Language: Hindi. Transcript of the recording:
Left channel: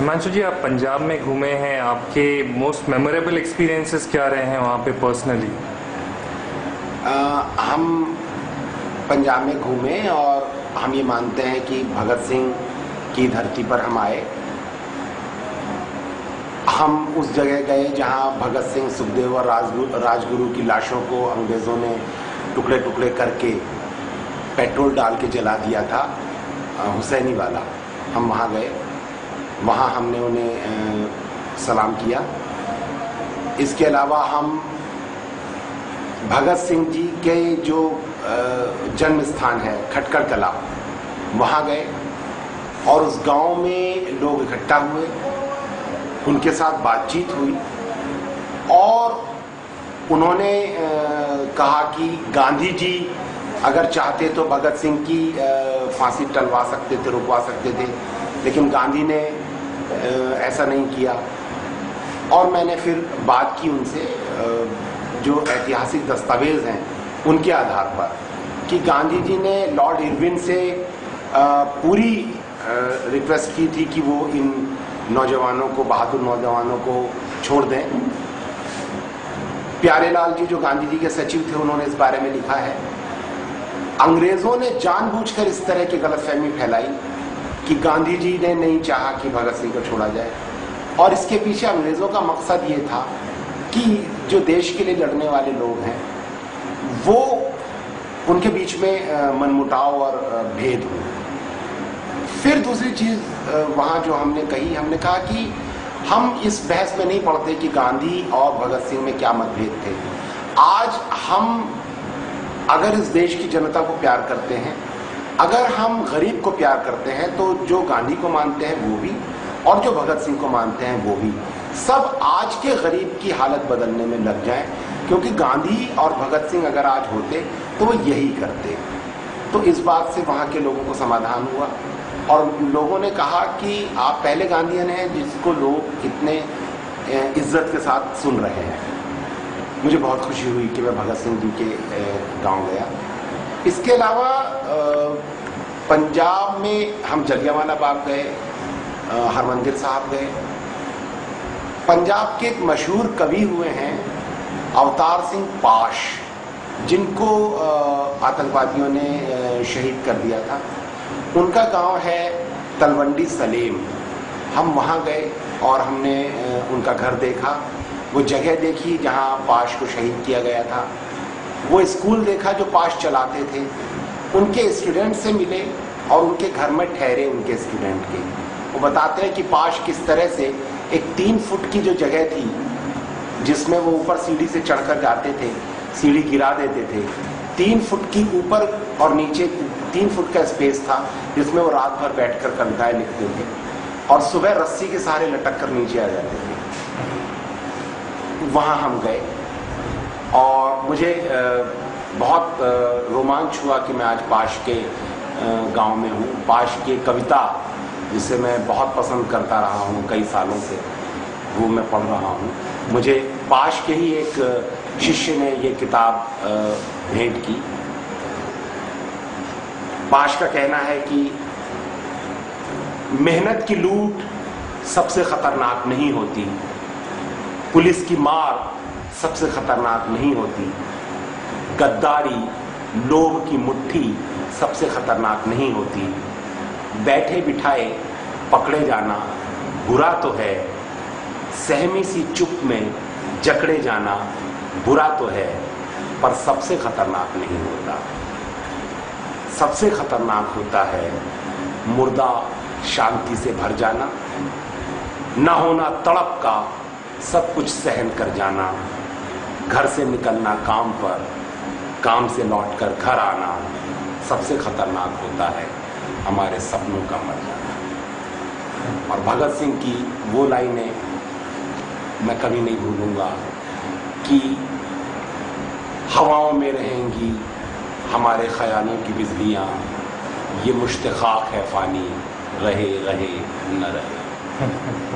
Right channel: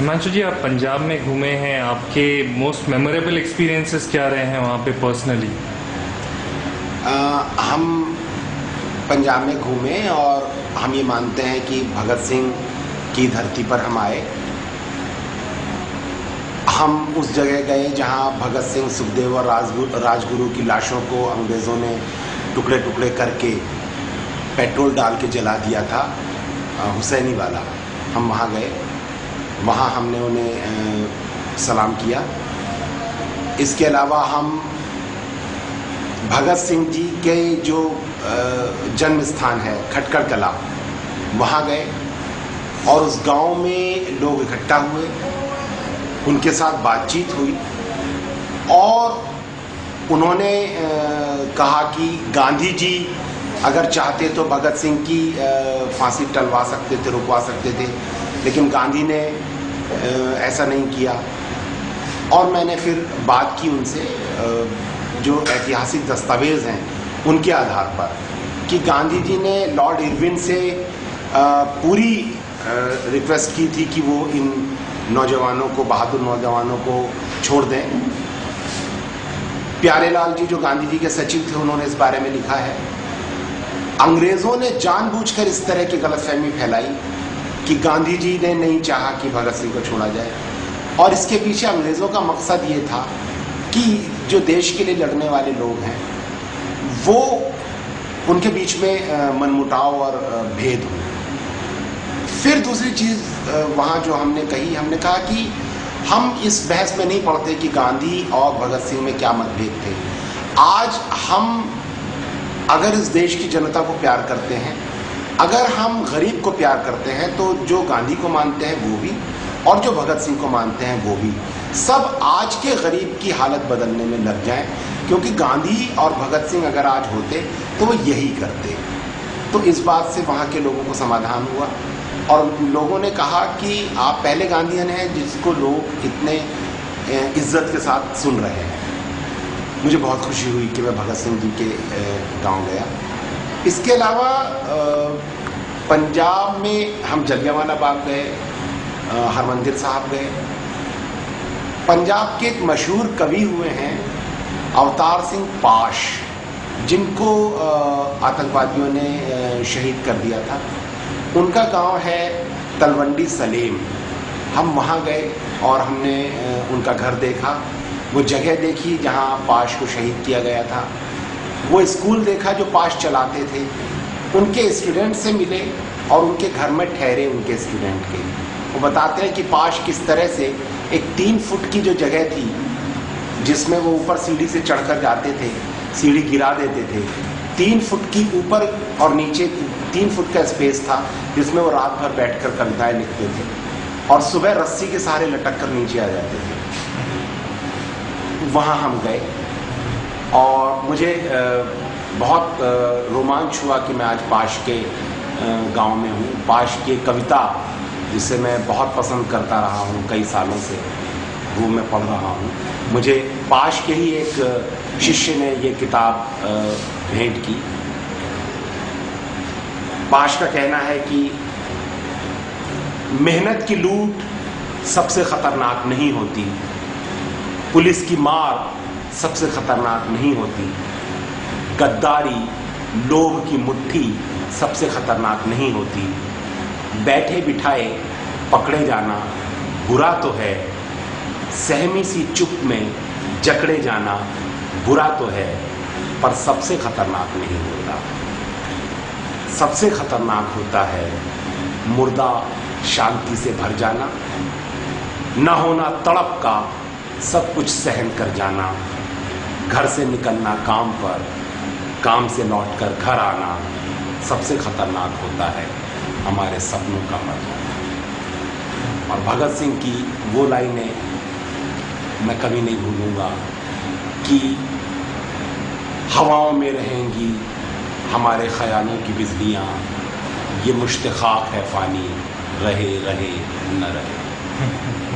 हिमांशु जी, आप पंजाब में घूमे हैं, आपके मोस्ट मेमोरेबल एक्सपीरियंसेस क्या रहे हैं वहाँ पे पर्सनली? हम पंजाब में घूमे और हम ये मानते हैं कि भगत सिंह की धरती पर हम आए। हम उस जगह गए जहाँ भगत सिंह, सुखदेव और राजगुरु की लाशों को अंग्रेज़ों ने टुकड़े टुकड़े करके पेट्रोल डाल के जला दिया था, हुसैनी वाला। हम वहाँ गए, वहाँ हमने उन्हें सलाम किया। इसके अलावा हम भगत सिंह जी के जो जन्म स्थान है खटकड़ कला, वहाँ गए और उस गांव में लोग इकट्ठा हुए, उनके साथ बातचीत हुई और उन्होंने कहा कि गांधी जी अगर चाहते तो भगत सिंह की फांसी टलवा सकते थे, रुकवा सकते थे, लेकिन गांधी ने ऐसा नहीं किया। और मैंने फिर बात की उनसे जो ऐतिहासिक दस्तावेज हैं उनके आधार पर कि गांधी जी ने लॉर्ड इरविन से पूरी रिक्वेस्ट की थी कि वो इन नौजवानों को, बहादुर नौजवानों को छोड़ दें। प्यारेलाल जी जो गांधी जी के सचिव थे, उन्होंने इस बारे में लिखा है। अंग्रेजों ने जानबूझकर इस तरह की गलतफहमी फैलाई कि गांधी जी ने नहीं चाहा कि भगत सिंह को छोड़ा जाए, और इसके पीछे अंग्रेजों का मकसद ये था कि जो देश के लिए लड़ने वाले लोग हैं वो उनके बीच में मनमुटाव और भेद हो। फिर दूसरी चीज वहाँ जो हमने कही, हमने कहा कि हम इस बहस में नहीं पड़ते कि गांधी और भगत सिंह में क्या मतभेद थे। आज हम अगर इस देश की जनता को प्यार करते हैं, अगर हम गरीब को प्यार करते हैं, तो जो गांधी को मानते हैं वो भी और जो भगत सिंह को मानते हैं वो भी, सब आज के गरीब की हालत बदलने में लग जाएं, क्योंकि गांधी और भगत सिंह अगर आज होते तो वो यही करते। तो इस बात से वहाँ के लोगों को समाधान हुआ और लोगों ने कहा कि आप पहले गांधीयन हैं जिसको लोग इतने इज्जत के साथ सुन रहे हैं। मुझे बहुत खुशी हुई कि मैं भगत सिंह जी के गांव गया। इसके अलावा पंजाब में हम जलियांवाला बाग गए, हरमंदिर साहब गए। पंजाब के एक मशहूर कवि हुए हैं अवतार सिंह पाश, जिनको आतंकवादियों ने शहीद कर दिया था। उनका गांव है तलवंडी सलेम। हम वहाँ गए और हमने उनका घर देखा, वो जगह देखी जहाँ पाश को शहीद किया गया था, वो स्कूल देखा जो पाश चलाते थे, उनके स्टूडेंट से मिले और उनके घर में ठहरे उनके स्टूडेंट के। वो बताते हैं कि पाश किस तरह से एक 3 फुट की जो जगह थी जिसमें वो ऊपर सीढ़ी से चढ़कर जाते थे, सीढ़ी गिरा देते थे, 3 फुट की ऊपर और नीचे 3 फुट का स्पेस था जिसमें वो रात भर बैठकर कविताएं लिखते थे और सुबह रस्सी के सहारे लटक कर नीचे आ जाते थे। वहाँ हम गए और मुझे बहुत रोमांच हुआ कि मैं आज पाश के गांव में हूँ। पाश की कविता जिसे मैं बहुत पसंद करता रहा हूँ कई सालों से, वो मैं पढ़ रहा हूँ। मुझे पाश के ही एक शिष्य ने ये किताब भेंट की। पाश का कहना है कि मेहनत की लूट सबसे खतरनाक नहीं होती, पुलिस की मार सबसे खतरनाक नहीं होती, गद्दारी, लोभ की मुट्ठी सबसे खतरनाक नहीं होती, बैठे बिठाए पकड़े जाना बुरा तो है, सहमी सी चुप में जकड़े जाना बुरा तो है, पर सबसे खतरनाक नहीं होता। सबसे खतरनाक होता है मुर्दा शांति से भर जाना, ना होना तड़प का सब कुछ सहन कर जाना, घर से निकलना काम पर, काम से लौटकर घर आना, सबसे खतरनाक होता है हमारे सपनों का मर जाना। और भगत सिंह की वो लाइनें मैं कभी नहीं भूलूंगा कि हवाओं में रहेंगी हमारे ख्यालों की बिजलियाँ, ये मुश्त खाक है फानी, रहे रहे न रहे।